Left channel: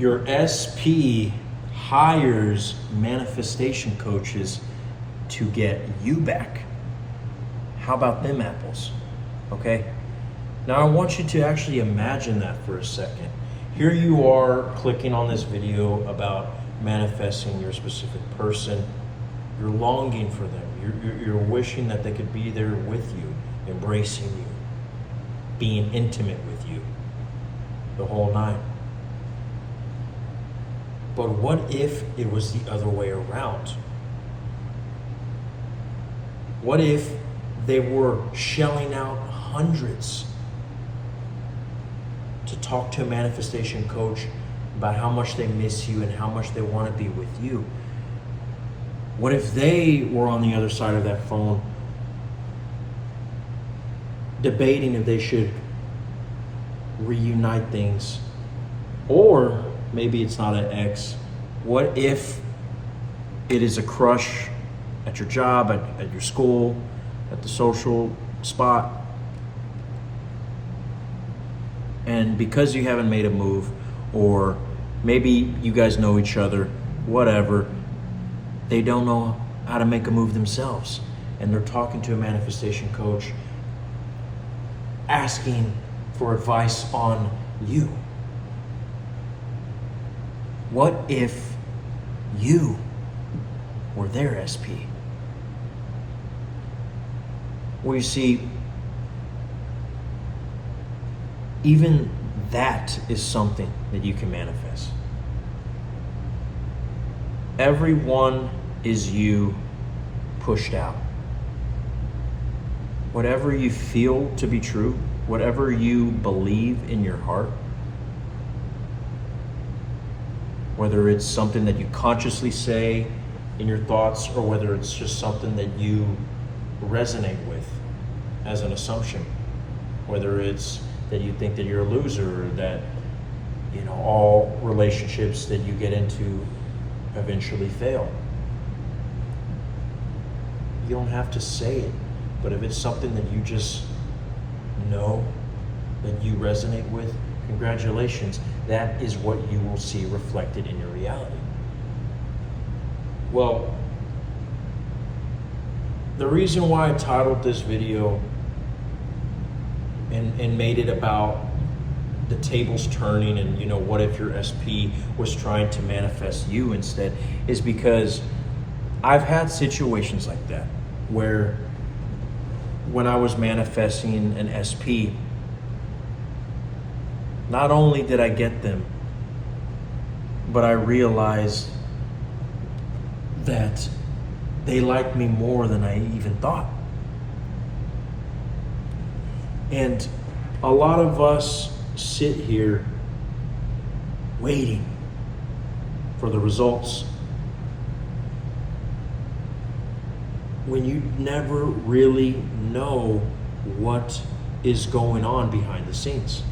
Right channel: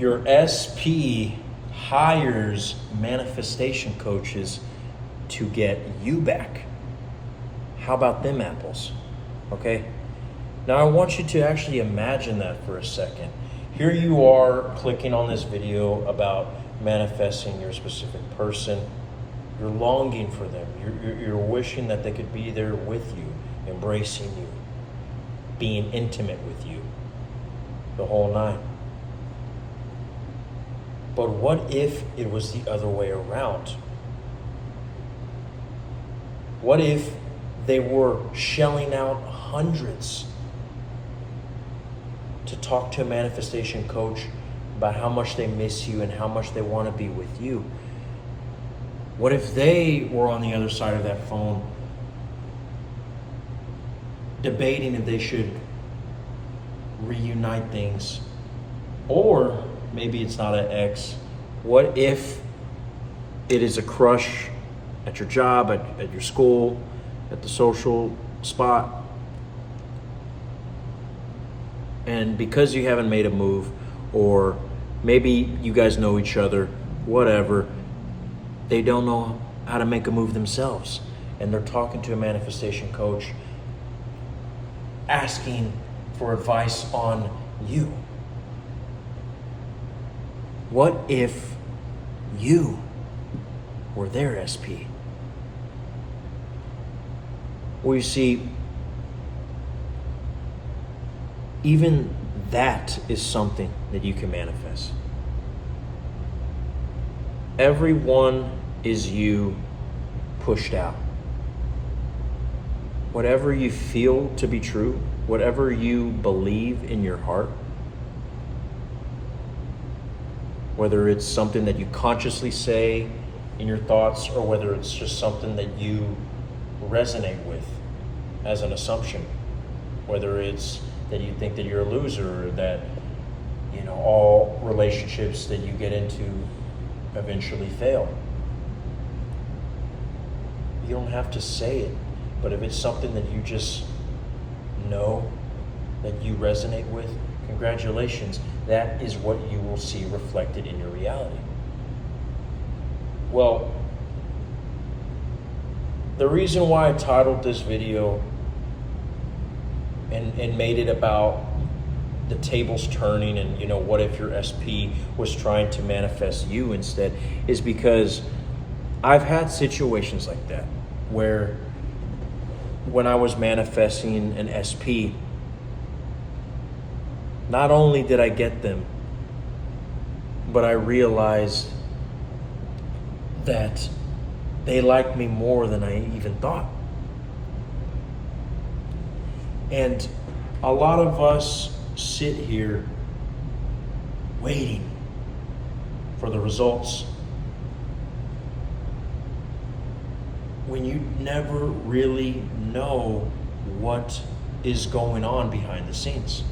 Your SP hires manifestation coaches to get you back. How about them apples? Okay? Now I want you to actually imagine that for a second. Here you are clicking on this video about manifesting your specific person. You're longing for them. You're wishing that they could be there with you, embracing you, being intimate with you, the whole nine. But what if it was the other way around? What if they were shelling out hundreds to talk to a manifestation coach about how much they miss you and how much they want to be with you? What if they were on the other side of that phone debating if they should reunite things? Or maybe it's not an ex. What if it is a crush at your job, at your school, at the social spot? And because you haven't made a move, or maybe you guys know each other, whatever, they don't know how to make a move themselves. And they're talking to a manifestation coach, asking for advice on you. What if you were their SP? Well, you see, even that is something that you can manifest. Everyone is you pushed out. Whatever you feel to be true, whatever you believe in your heart, whether it's something that you consciously say in your thoughts or whether it's just something that you resonate with as an assumption, whether it's that you think that you're a loser, or that, you know, all relationships that you get into eventually fail. You don't have to say it, but if it's something that you just know, that you resonate with, congratulations. That is what you will see reflected in your reality. Well, the reason why I titled this video and made it about the tables turning and, you know, what if your SP was trying to manifest you instead, is because I've had situations like that where when I was manifesting an SP, not only did I get them, but I realized that they liked me more than I even thought. And a lot of us sit here waiting for the results when you never really know what is going on behind the scenes.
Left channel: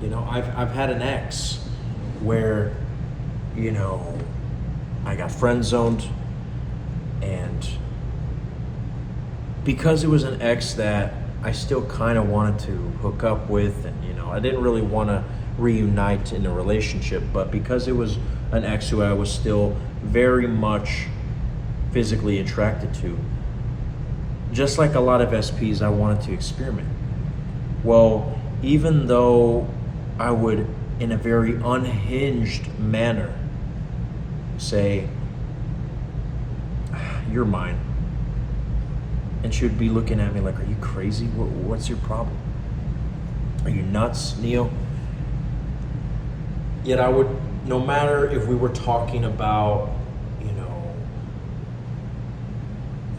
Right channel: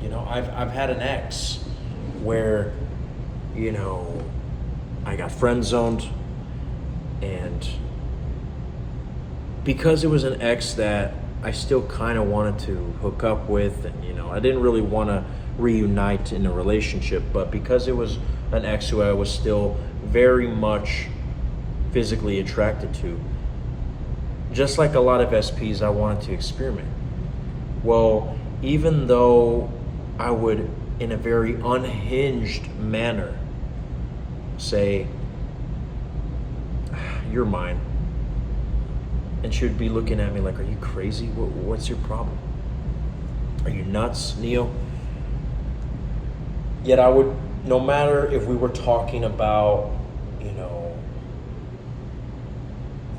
You know, I've had an ex where, you know, I got friend zoned, and because it was an ex that I still kind of wanted to hook up with, and, you know, I didn't really want to reunite in a relationship, but because it was an ex who I was still very much physically attracted to, just like a lot of SPs, I wanted to experiment. Well, even though I would, in a very unhinged manner, say, "You're mine," and she would be looking at me like, "Are you crazy? What's your problem? Are you nuts, Neo?" Yet I would, no matter if we were talking about, you know,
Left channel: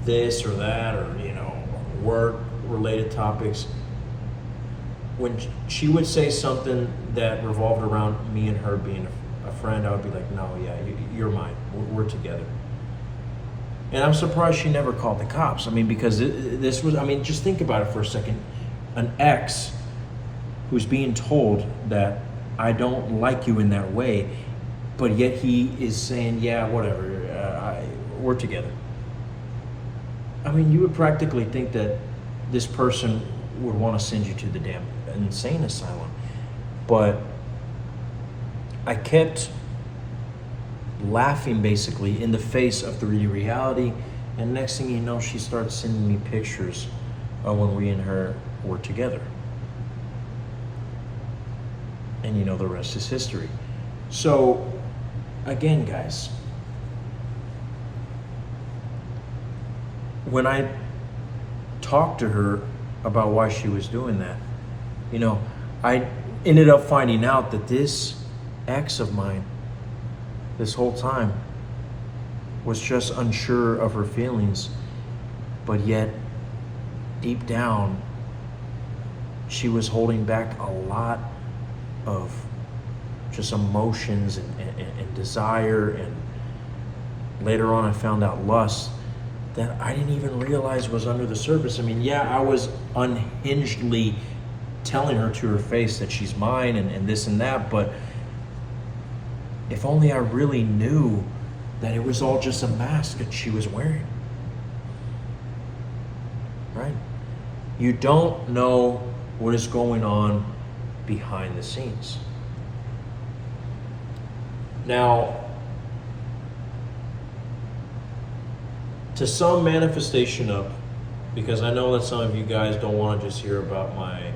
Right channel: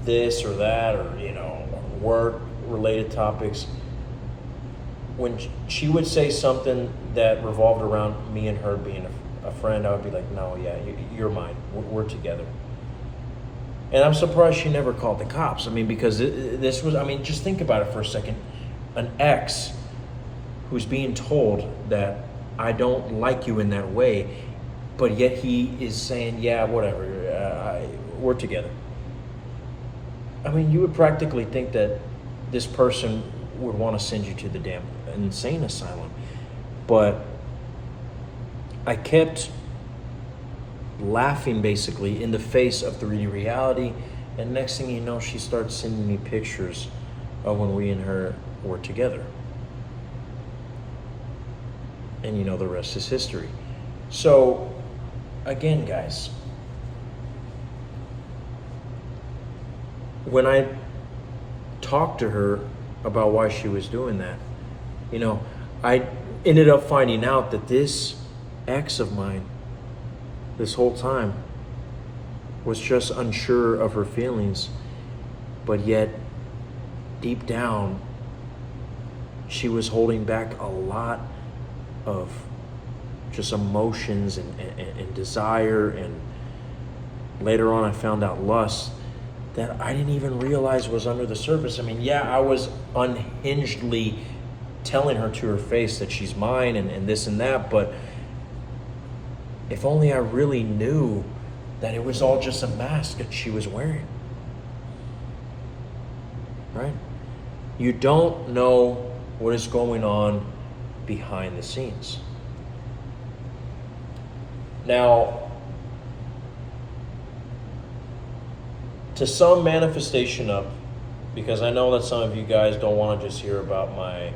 this or that, or, you know, work-related topics, when she would say something that revolved around me and her being a friend, I would be like, "No, yeah, you're mine. We're together." And I'm surprised she never called the cops. I mean, because this was, I mean, just think about it for a second. An ex who's being told that I don't like you in that way, but yet he is saying, "Yeah, whatever, we're together." I mean, you would practically think that this person would want to send you to the damn insane asylum. But I kept laughing basically in the face of 3D reality, and next thing you know, she starts sending me pictures of when we and her were together. And you know, the rest is history. So again, guys, when I talked to her about why she was doing that, you know, I ended up finding out that this ex of mine this whole time was just unsure of her feelings, but yet deep down she was holding back a lot of just emotions and desire, and later on I found out lust that I didn't even realize was under the surface. I mean, yeah, I was unhingedly telling her to her face that she's mine and this and that, but if only I really knew that it was all just a mask that she was wearing. Right? You don't know what is going on behind the scenes. Now, to sum manifestation up, because I know that some of you guys don't want to just hear about my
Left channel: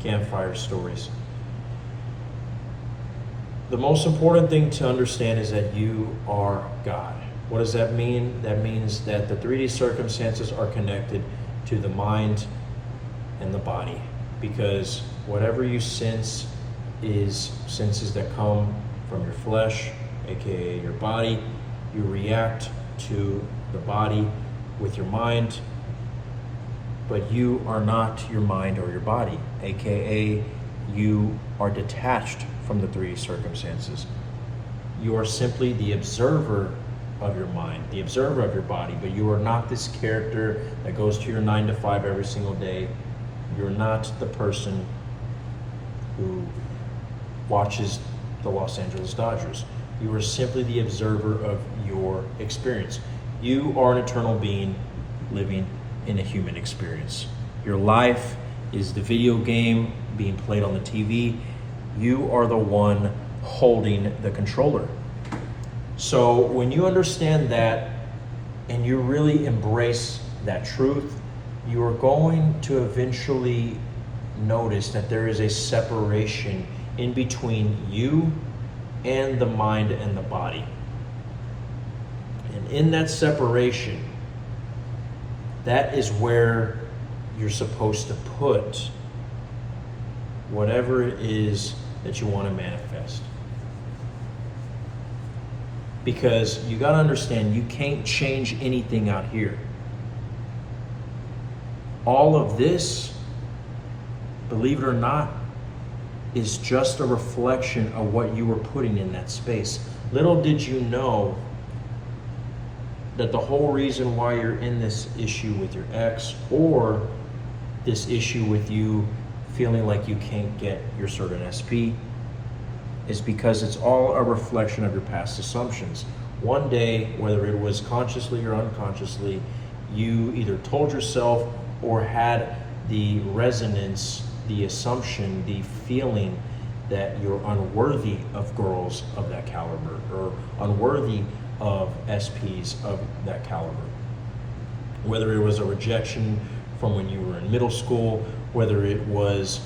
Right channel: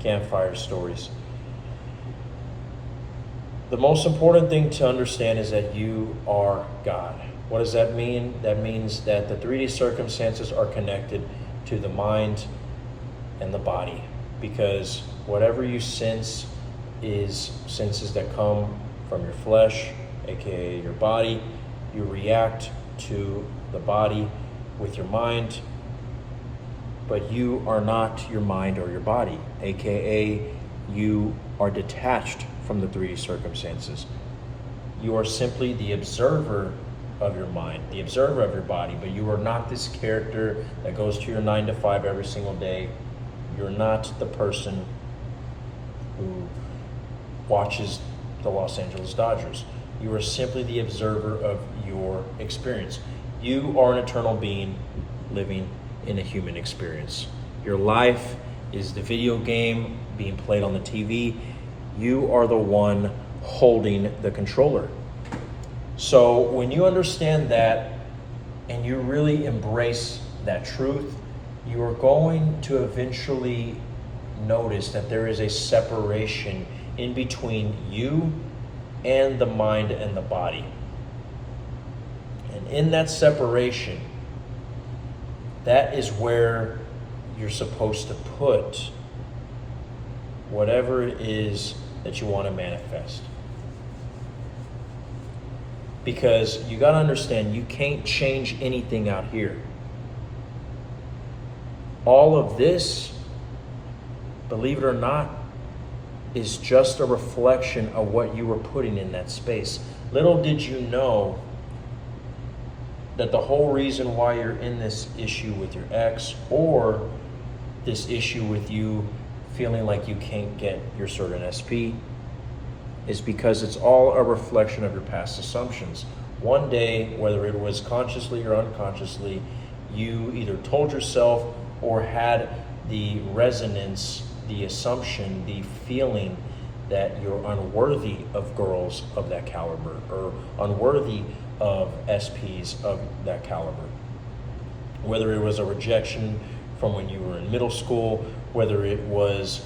campfire stories. The most important thing to understand is that you are God. What does that mean? That means that the 3D circumstances are connected to the mind and the body, because whatever you sense is senses that come from your flesh, aka your body. You react to the body with your mind, but you are not your mind or your body, aka you are detached from the 3D circumstances. You are simply the observer of your mind, the observer of your body, but you are not this character that goes to your 9 to 5 every single day. You're not the person who watches the Los Angeles Dodgers. You are simply the observer of your experience. You are an eternal being living in a human experience. Your life is the video game being played on the TV. You are the one holding the controller. So when you understand that and you really embrace that truth, you are going to eventually notice that there is a separation in between you and the mind and the body. And in that separation, that is where you're supposed to put whatever it is that you want to manifest. Because you got to understand, you can't change anything out here. All of this, believe it or not, is just a reflection of what you were putting in that space. Little did you know that the whole reason why you're in this issue with your ex, or this issue with you feeling like you can't get your certain SP, is because it's all a reflection of your past assumptions. One day, whether it was consciously or unconsciously, you either told yourself or had the resonance, the assumption, the feeling that you're unworthy of girls of that caliber, or unworthy of SPs of that caliber. Whether it was a rejection from when you were in middle school, whether it was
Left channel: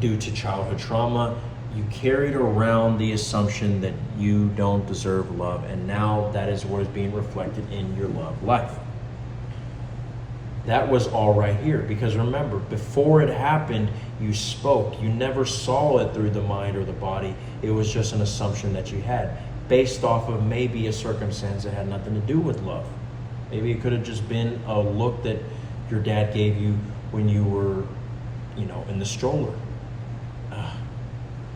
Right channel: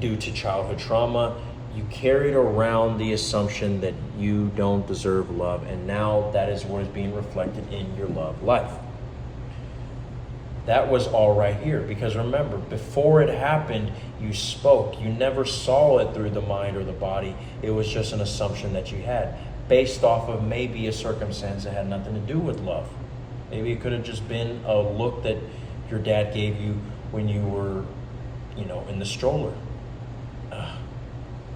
due to childhood trauma, you carried around the assumption that you don't deserve love, and now that is what is being reflected in your love life. That was all right here, because remember, before it happened, you spoke. You never saw it through the mind or the body. It was just an assumption that you had, based off of maybe a circumstance that had nothing to do with love. Maybe it could have just been a look that your dad gave you when you were, in the stroller.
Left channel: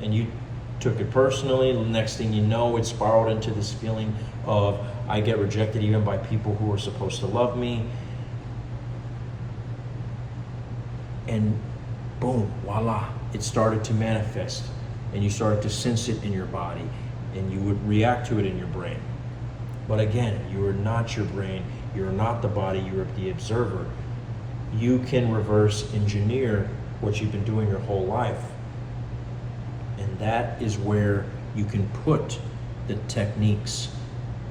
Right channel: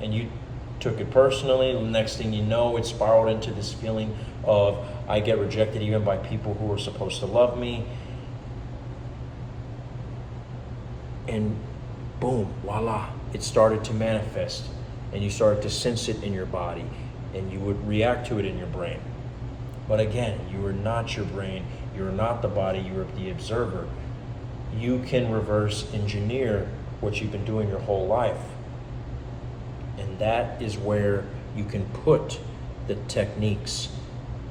And you took it personally. The next thing you know, it spiraled into this feeling of, I get rejected even by people who are supposed to love me. And boom, voila, it started to manifest, and you started to sense it in your body, and you would react to it in your brain. But again, you are not your brain, you are not the body, you are the observer. You can reverse engineer what you've been doing your whole life. And that is where you can put the techniques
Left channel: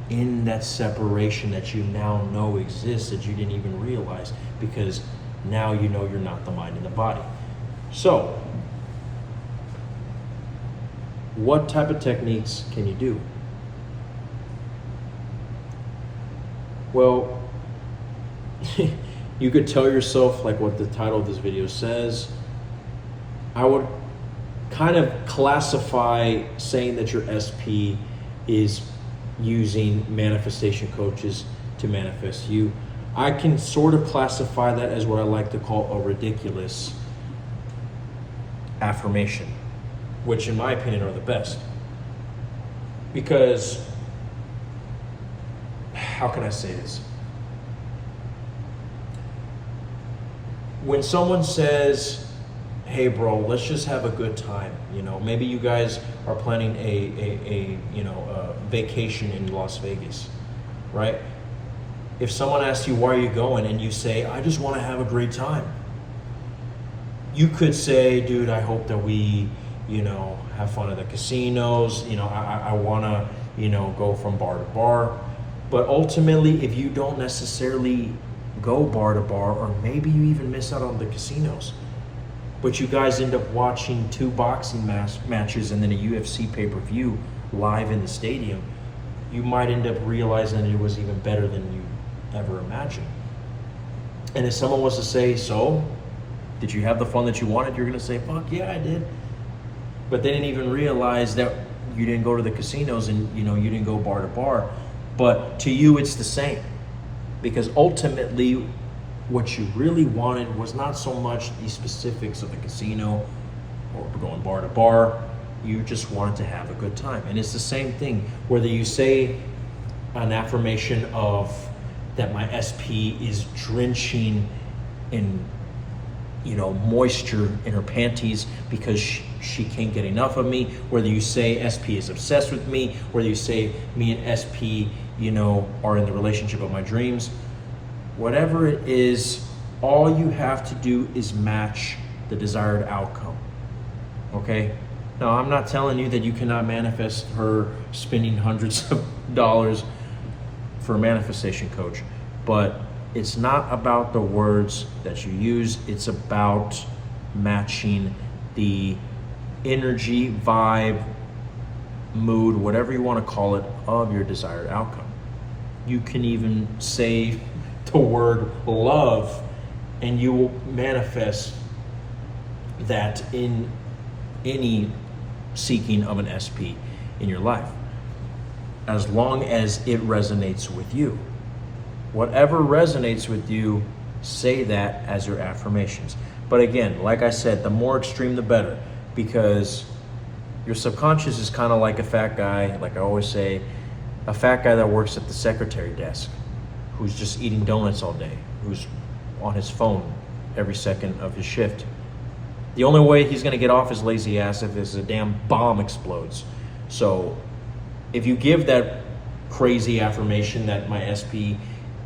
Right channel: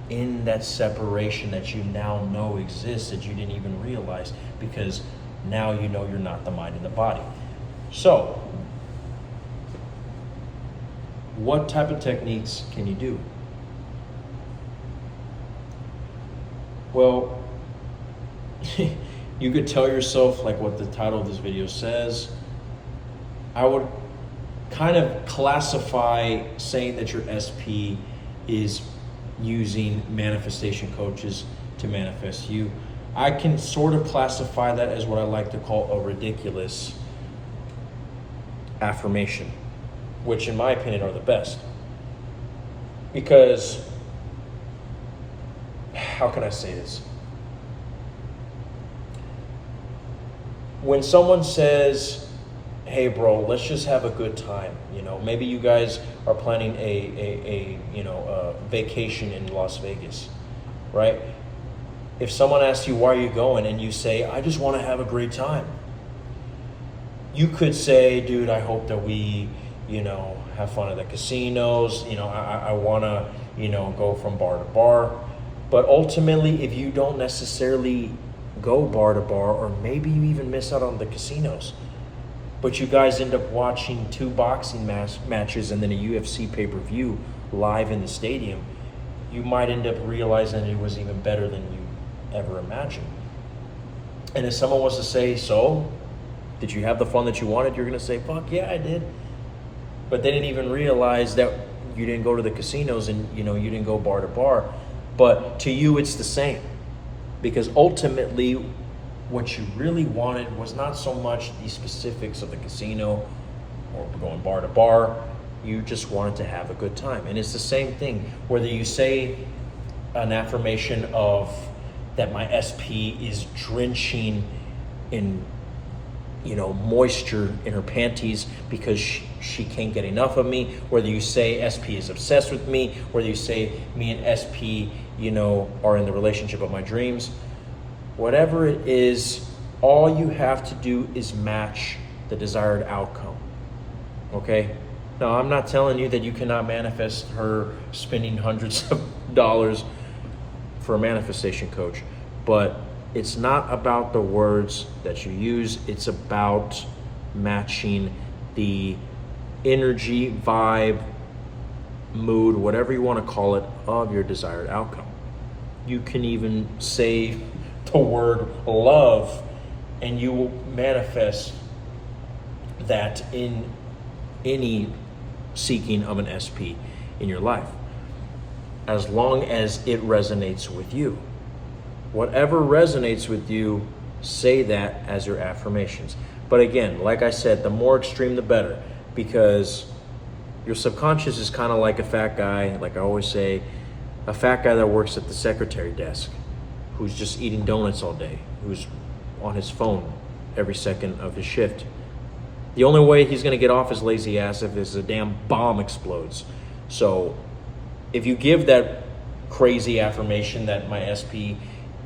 in that separation that you now know exists, that you didn't even realize, because now you know you're not the mind and the body. So, what type of techniques can you do? Well, you could tell yourself, like what the title of this video says. I would kind of classify saying that your SP is using manifestation coaches to manifest you. I can sort of classify that as what I like to call a ridiculous affirmation, which in my opinion are the best. Because, how can I say this? When someone says, hey bro, let's just have a good time, you know, maybe you guys are planning a vacation in Las Vegas, right? If someone asks you, why are you going? And you say, I just want to have a great time. You could say, dude, I hope that we, have fun at the casinos. I want to, go from bar to bar. But ultimately, if you don't necessarily go bar to bar, or maybe you even miss out on the casinos, but you guys end up watching 2 boxing matches and then a UFC pay-per-view live in the stadium, you might end up realizing that it was even better than you ever imagined. And if someone was to say, so, did you have the fun that you wanted? You're going to say, fuck yeah, I did. But they didn't even realize that you didn't go to the casinos and, you didn't go bar to bar. But to you, it's the same. Because ultimately, what you really wanted was not so much the specifics of the casino or going bar to bar. You just wanted to have a good time. And it's the same thing, whether you say an affirmation of that my SP is drenching in, moisture in her panties because she can't get enough of me, whether you say SP is obsessed with me, whether you say me and SP, are in the relationship of my dreams, whatever it is, all you have to do is match the desired outcome, okay? Now, I'm not telling you that you cannot manifest her spending hundreds of dollars for a manifestation coach, but it's not about the words that you use. It's about matching the energy, vibe, mood, whatever you want to call it, of your desired outcome. You can even say the word love and you will manifest that in any seeking of an SP in your life, as long as it resonates with you. Whatever resonates with you, say that as your affirmations. But again, like I said, the more extreme the better, because your subconscious is kind of like a fat guy, like I always say, a fat guy that works at the secretary desk, who's just eating donuts all day, who's on his phone every second of his shift. The only way he's going to get off his lazy ass if a damn bomb explodes. So if you give that crazy affirmation that my SP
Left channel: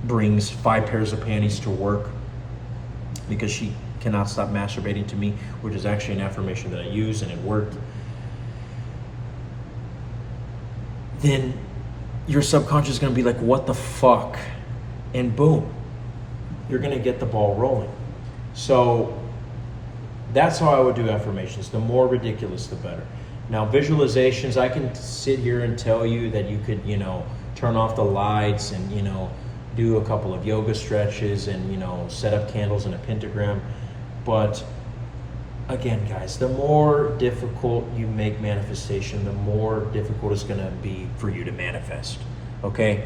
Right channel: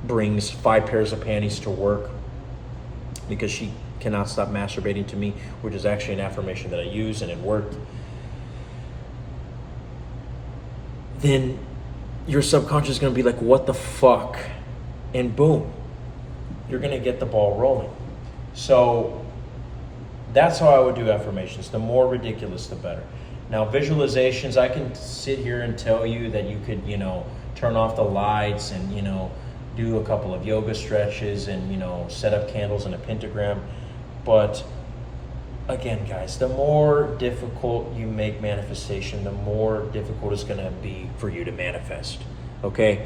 brings 5 pairs of panties to work because she cannot stop masturbating to me, which is actually an affirmation that I use and it worked, then your subconscious is going to be like, what the fuck? And boom, you're going to get the ball rolling. So that's how I would do affirmations. The more ridiculous, the better. Now, visualizations, I can sit here and tell you that you could, turn off the lights and, do a couple of yoga stretches and, set up candles in a pentagram. But again, guys, the more difficult you make manifestation, the more difficult it's going to be for you to manifest. Okay?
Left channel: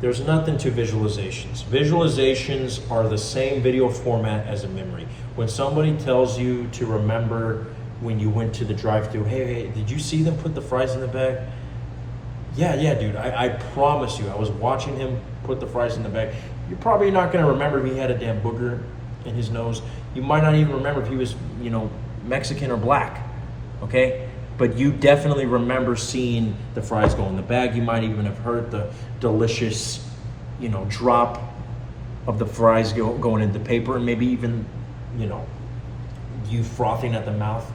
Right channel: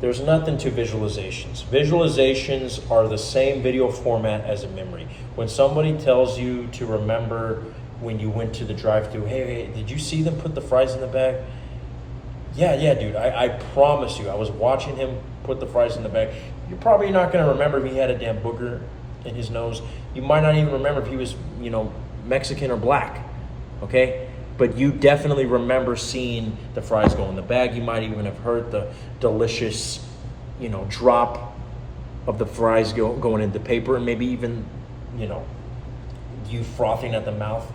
There's nothing to visualizations. Visualizations are the same video format as a memory. When somebody tells you to remember when you went to the drive-thru, hey, did you see them put the fries in the bag? Yeah, dude, I promise you, I was watching him put the fries in the bag. You're probably not going to remember if he had a damn booger in his nose. You might not even remember if he was, Mexican or black, okay? But you definitely remember seeing the fries go in the bag. You might even have heard the delicious, drop of the fries going into the paper, and maybe even, you frothing at the mouth,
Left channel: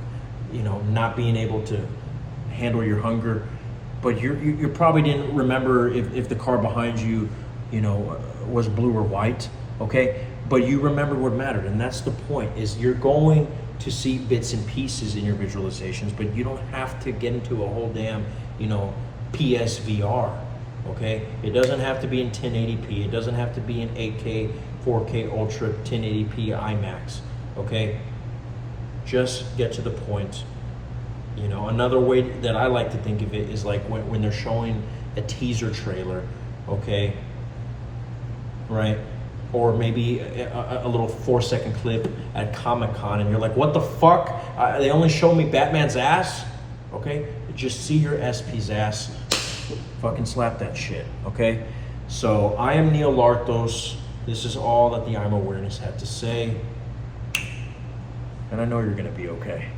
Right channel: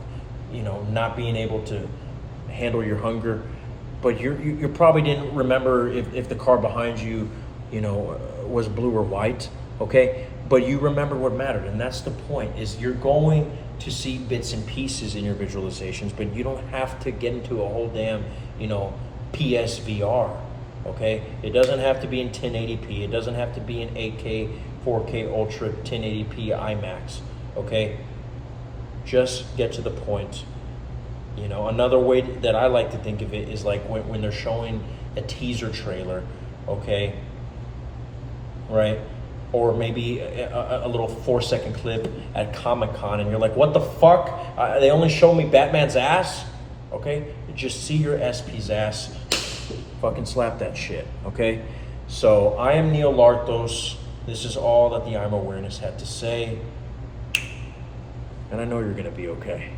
you know, not being able to handle your hunger. But you probably didn't remember if the car behind you, you know, was blue or white, okay? But you remember what mattered, and that's the point, is you're going to see bits and pieces in your visualizations, but you don't have to get into a whole damn, you know, PSVR, okay? It doesn't have to be in 1080p. It doesn't have to be in 8K, 4K Ultra, 1080p IMAX, okay? Just get to the point. You know, another way that I like to think of it is like when they're showing a teaser trailer, okay? Right? Or maybe a little 4-second clip at Comic-Con, and you're like, what the fuck? They only showed me Batman's ass? Okay? Just see your SP's ass. Fucking slap that shit, okay? So I am Neil Larthos. This is all that the I'm Awareness had to say. And I know you're gonna be okay.